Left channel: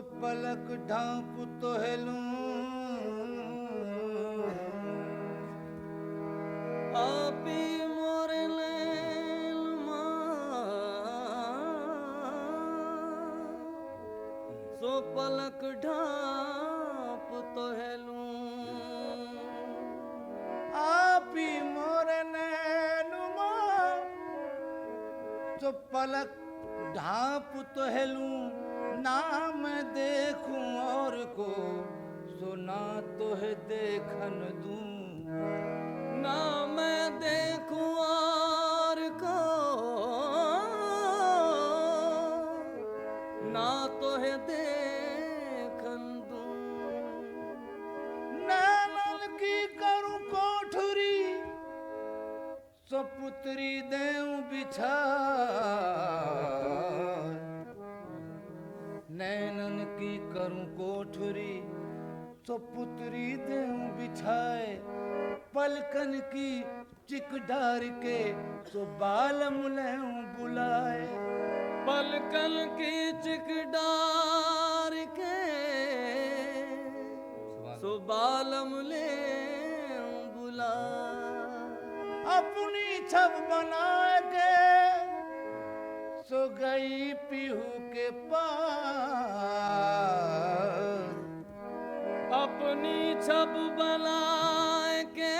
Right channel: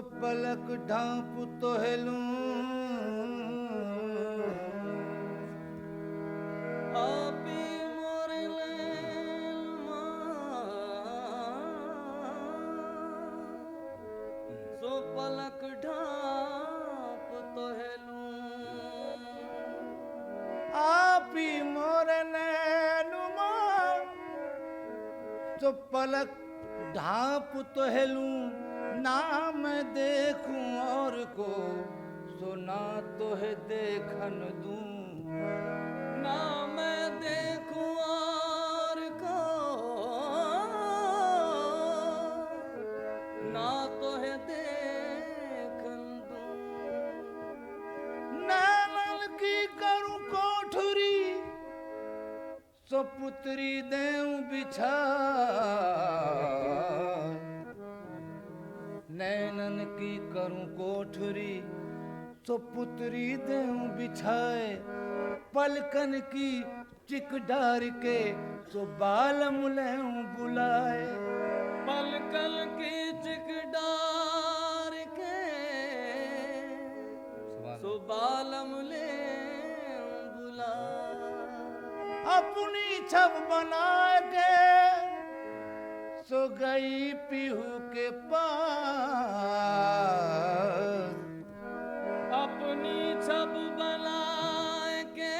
पलक ढांप तो हेलूं आपी मोर लैल सो पलक ढांप तो हेलूं आप ही मोर नैनुमा तो पलक ढांप तो हेलूं नाम देखूं और को सुना तो है देखन दूं ना मैं देखूं और को ना तो है देखन दूं नैनन की करूं कोठरी सो पुत्री देऊं बिछा नैनन की करूं कोठरी सो पुत्री देऊं बिछाए पलकन की चिक डार के सो बाल मुलेऊं बुलाए पलकन की चिक डार के सुबालम ले बुला अपनी छब बना के सो गई पीहू के पास अपनी छब बना के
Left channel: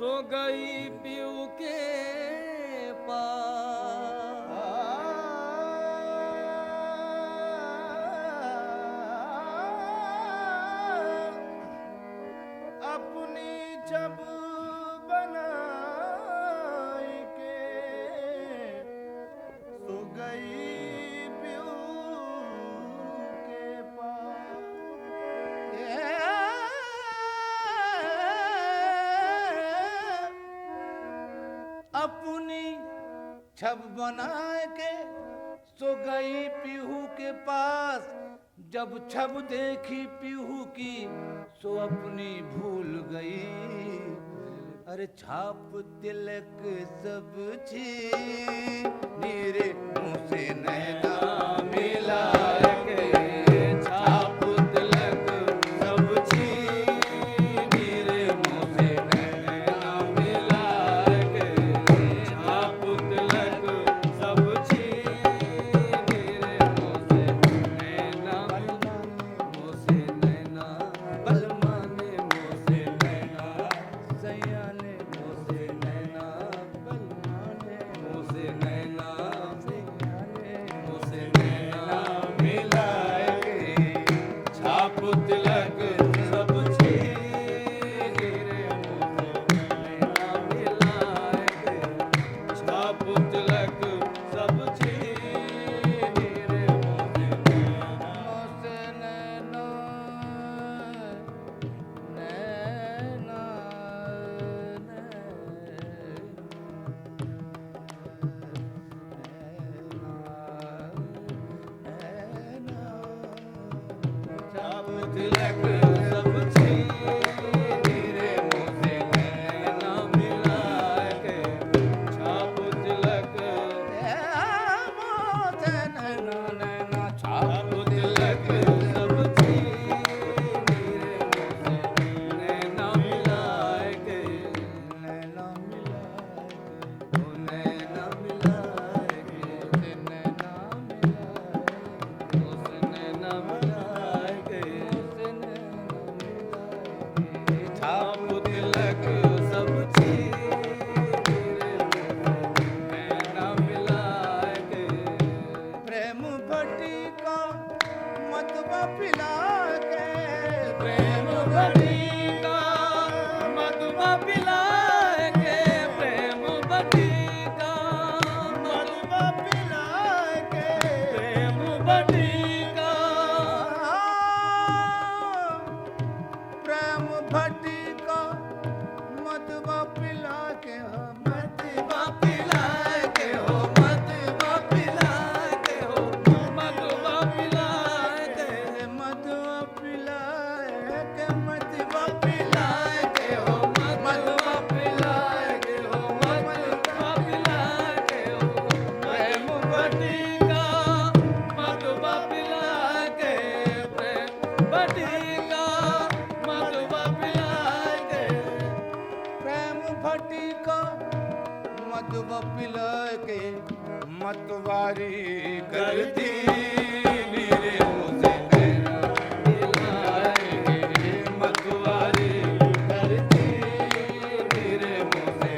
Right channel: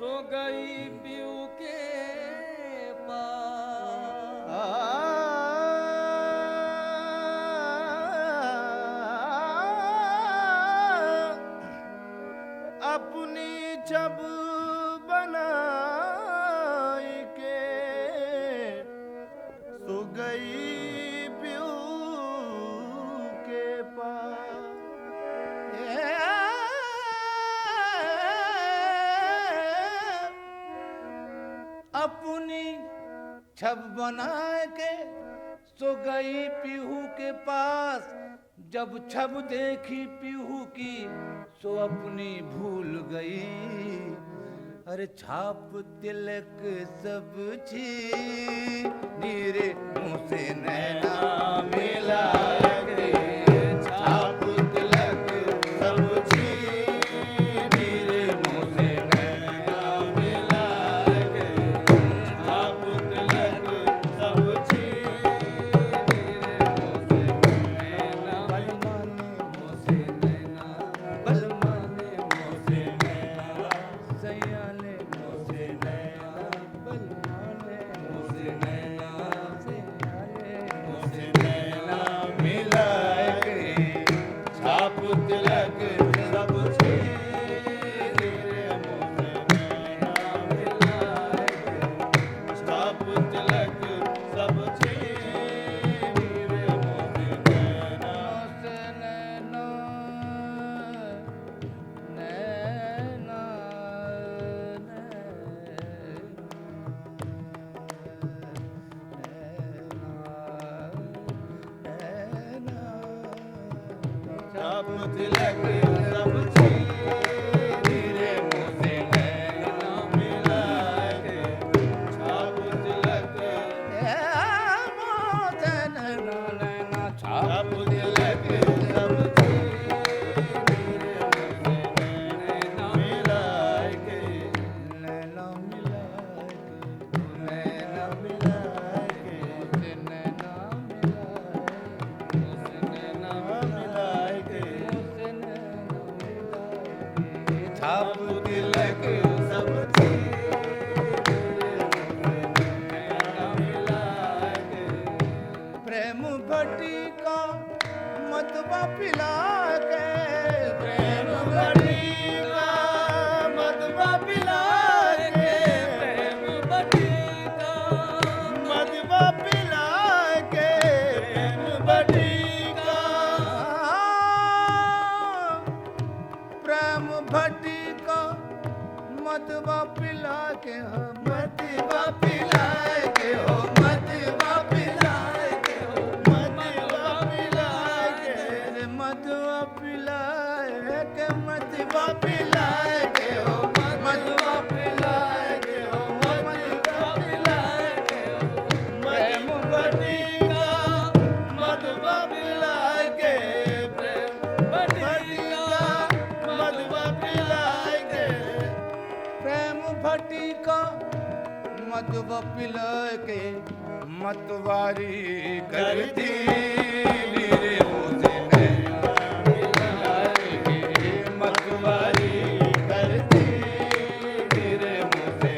सो गई पीऊ के पास अपनी छब बना के सो गई पीहू के पास अपनी छब बना के सो गई पीहू के पास जब छब देखी पीहू की सो अपनी भूल गई अरे छाप तिलक सब छी नीरे मुँह से नैना मिला के छाप तिलक सब छी नीरे मुँह से नैना मिला के छाप तिलक सब छी बलमाने मुँह से नैना सयाने मुँह से नैना बलमाने मुँह से नैना सयाने मुँह से नैना मिलाए के छाप तिलक सब छी छाप तिलक सब छी छाप तिलक सब छी नैना मिलाए के प्रेम भट्टी का मतवा पिला के प्रेम भट्टी का मतवा पिला के प्रेम भट्टी का मतवा पिला के प्रेम भट्टी का प्रेम भट्टी का मतवा पिला के हो मतवा पिला के हो मतवा पिला के हो मतवा पिला के मतवा पिला के मतवा पिला के हो मतवा पिला के हो मतवा पिला के हो प्रेम भट्टी का फटी का मधुब पिलाए के मतवारी करती नीरे मुझे मिलाए के मतवारी करती नीरे मुझे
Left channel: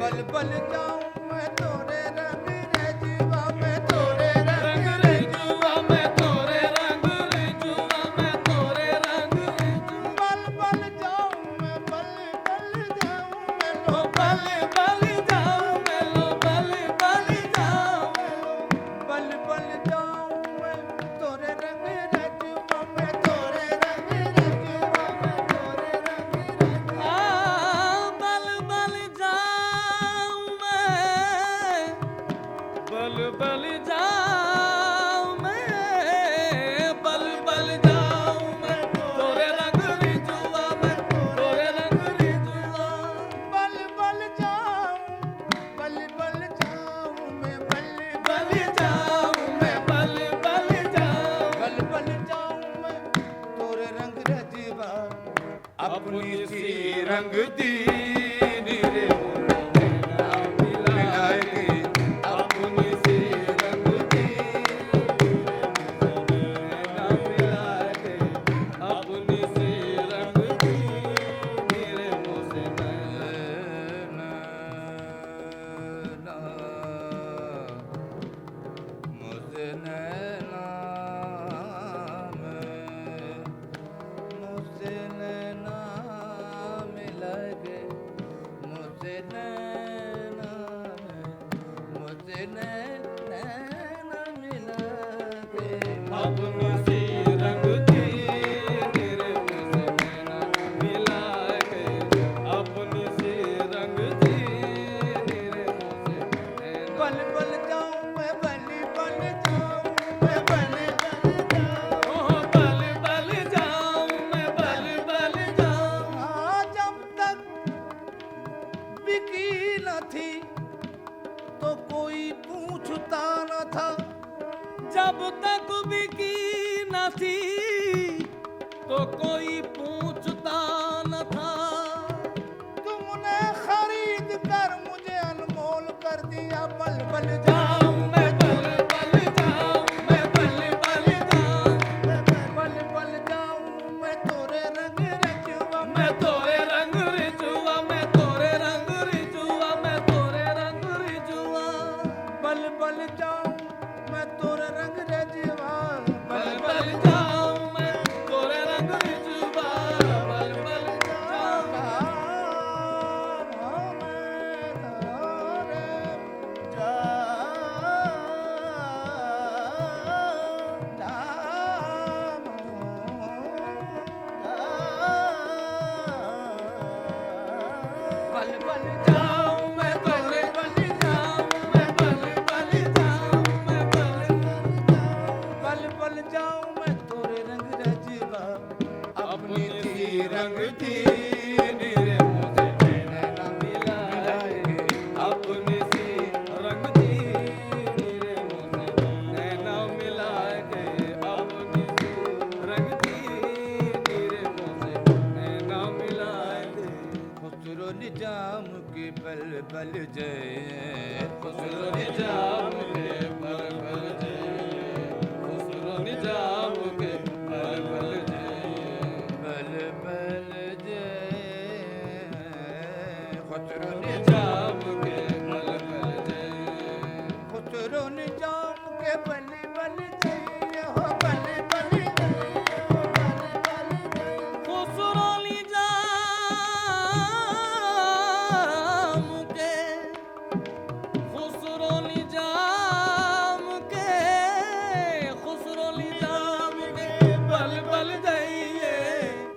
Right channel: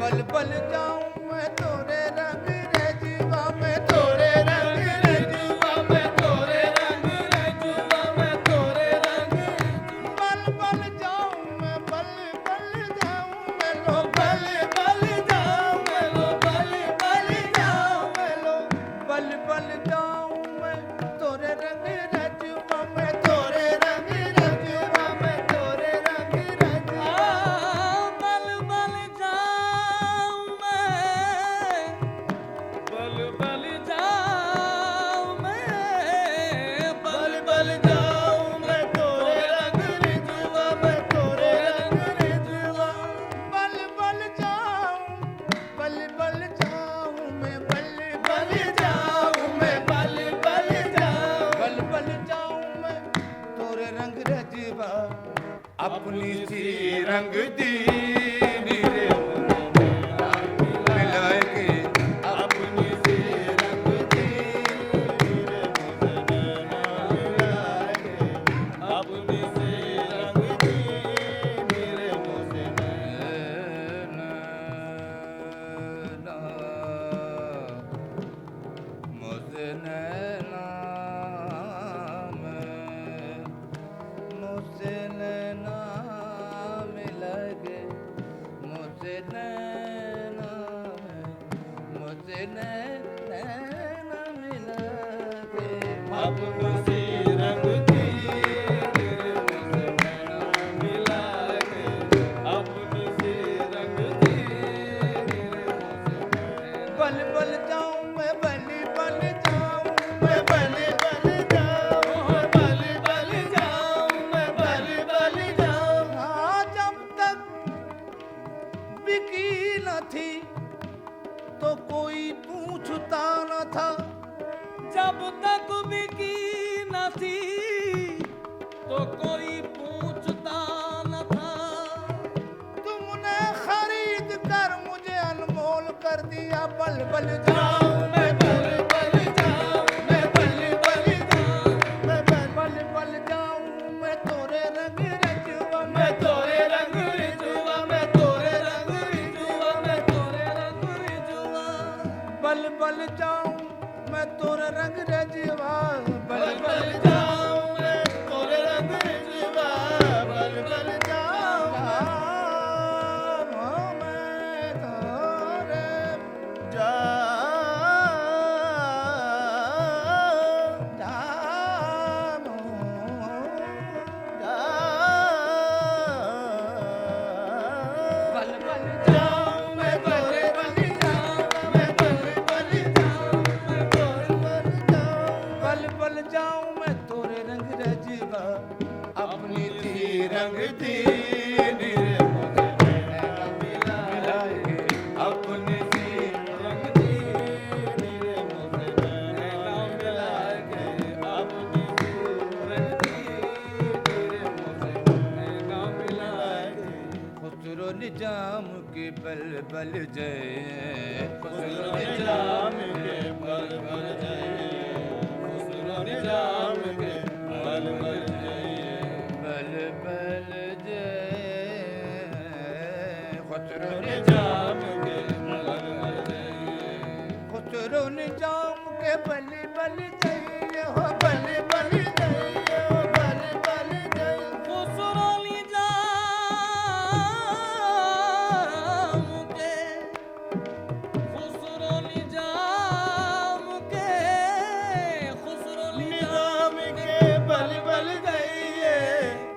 बल बल जाऊं मैं तोरे रंग रजुआ मैं तोरे रंग रजुआ मैं तोरे रंग रजुआ मैं तोरे रंग बल बल जाऊं मैं बल बल जाऊं मैं लो बल बल जाऊं मैं लो बल बल जाऊं मैं लो बल बल जाऊं मैं तोरे रंग रजुआ मैं तोरे रंग रजुआ मैं तोरे रंग रजुआ बल बल जाऊं मैं बल बल जाऊं मैं बल बल जाऊं मैं तोरे रंग रिझवा मैं तोरे रंग रिझवा बल बल जाऊं मैं बल बल जाऊं मैं बल बल जाऊं बल बल जाऊं मैं तोरे रंग रजवा अपनी सी रंग दी नीरे मिलाए के अपनी सी रंग दी मिलाए के अपनी सी रंग दी नीरे मुझे नैना मुझे नैना मुझसे नैना मिला के मुझसे नैना मुझसे नैना मिला के अपनी रंग दी मुझसे नैना मिला के अपनी सी रंग दी बल बल जाऊं मैं बल बल जाऊं मैं बल बल जाऊं मैं बल बल जाऊं मैं बल बल जाऊं हाँ जब तक बिकी न थी तो कोई पूछता न था जब तक बिकी न थी तो कोई पूछता न था तुमने खरीद कर मुझे अनमोल कर दिया बल बल जाऊं मैं तोरे बल जाऊं मैं बल बल जाऊं मैं बल बल जाऊं मैं तोरे रंग रजुआ मैं तोरे रंग रिझवा मैं तोरे रंग रिझवा मैं तोरे रंग रिझवा बल बल जाऊं मैं तोरे रंग रजुआ बल बल जाऊं मैं तोरे रंग रजुआ बल बल जाऊं मैं तोरे बल बल जाऊं मैं बल बल जाऊं मैं बल बल जाऊं मैं तोरे रंग जाऊं बल बल जाऊं मैं तोरे रंग रजवा अपनी सी रंग दी नीरे मुझे नैना मिलाए के अपनी सी रंग दी नीरे मुझे नैना मिलाए के अपनी सी रंग दी नीरे मुझे नैना मिलाए के खुसरो निजाम के बल बल जय खुसरो निजाम के बल बल जय खुसरो निजाम के बल बल जय खुसरो निजाम के बल बल जय खुसरो निजाम के बल बल जय हो बल बल जय हो बल बल जय खुसरो निजाम के खुसरो निजाम के खुसरो निजाम के बल बल जाइए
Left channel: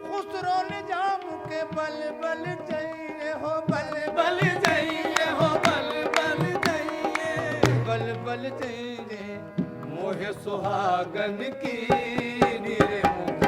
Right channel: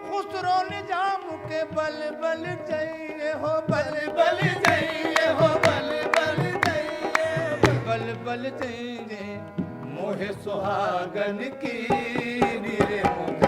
खुसरो निजाम के बल बल जाइए हो बल बल जाइए हो बल बल जाइए बल बल जाइए मोहे सुहागन की नीरे मुख